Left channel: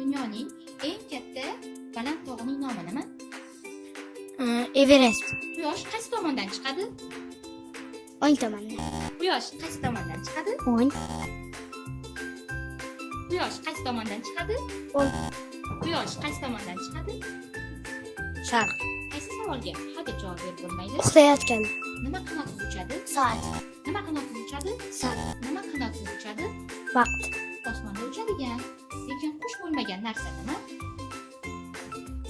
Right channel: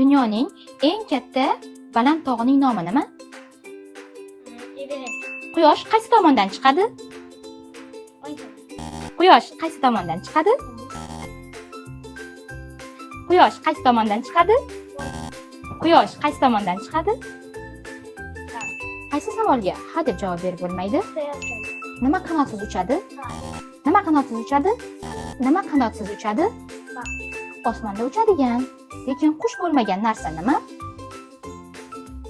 Dunyoning eng katta baland tog'ining nomi nima? Everest. Quyosh qaysi tomondan chiqadi? O'ng tomonda. Quyosh qaysi tomondan chiqadi? O'ng. Quyosh qaysi tomondan chiqadi? O'ng. Quyosh qaysi tomondan chiqadi? Sharq. Qaysi savolga ha deb javob berib bo'lmaydi? Uxlayotgan. Nima qanotsiz uchadi? Soat. Nima qanotsiz uchadi? Soat. Nima qanotsiz uchadi? Vaqt. Osmonda uchadigan. Lekin qush bo'lmagan narsa nima?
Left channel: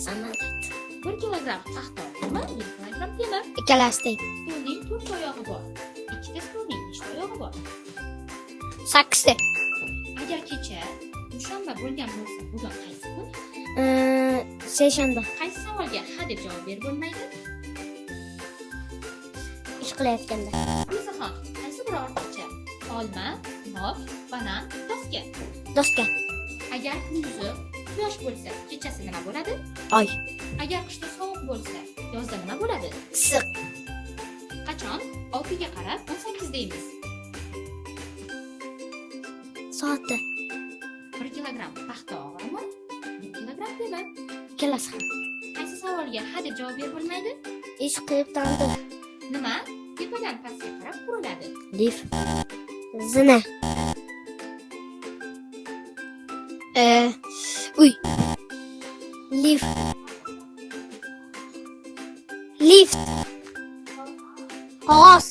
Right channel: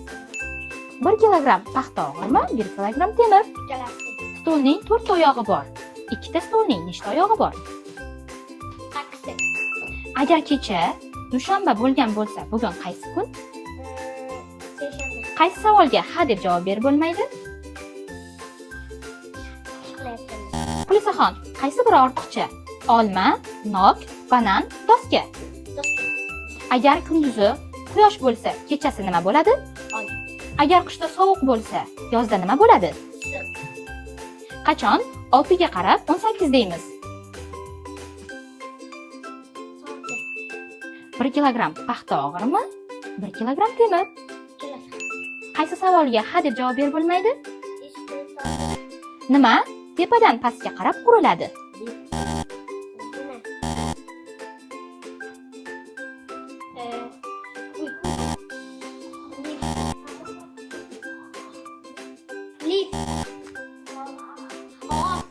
Samolyot. 1 kilogramm paxta og'irmi? 1 kilogramm temir. Ikkalasi teng. Stolning 4 oyog'i bor. Ikkita stolning nechta oyog'i bor? 8 ta. Agar kecha dushanba bo'lgan bo'lsa, bugun qaysi kun? Seshanba. Qaysi savolga ha deb javob berib bo'lmaydi? Ish qilayotganda. Qulisaxon, qaysi biri ortiqcha? Olma, nok, banan, doska. Doska. Agar kunduzi quyosh bo'lsa, kechasi nima bo'ladi? Oy. Agar qishda sovuq bo'lsa, yozda nima bo'ladi? Issiq. Qachon 6 ga qarab 18 deymiz? Soatda. 1 kilogramm paxta og'irmi? 1 kilogramm temir. Ikkalasi. Qaysi savolga ha deb javob berib bo'lmaydi? Ish qilib tandim. Nima tepadan pastga qarab quriladi? Lif. Zina. Uy. Lift. Lift. Qog'oz.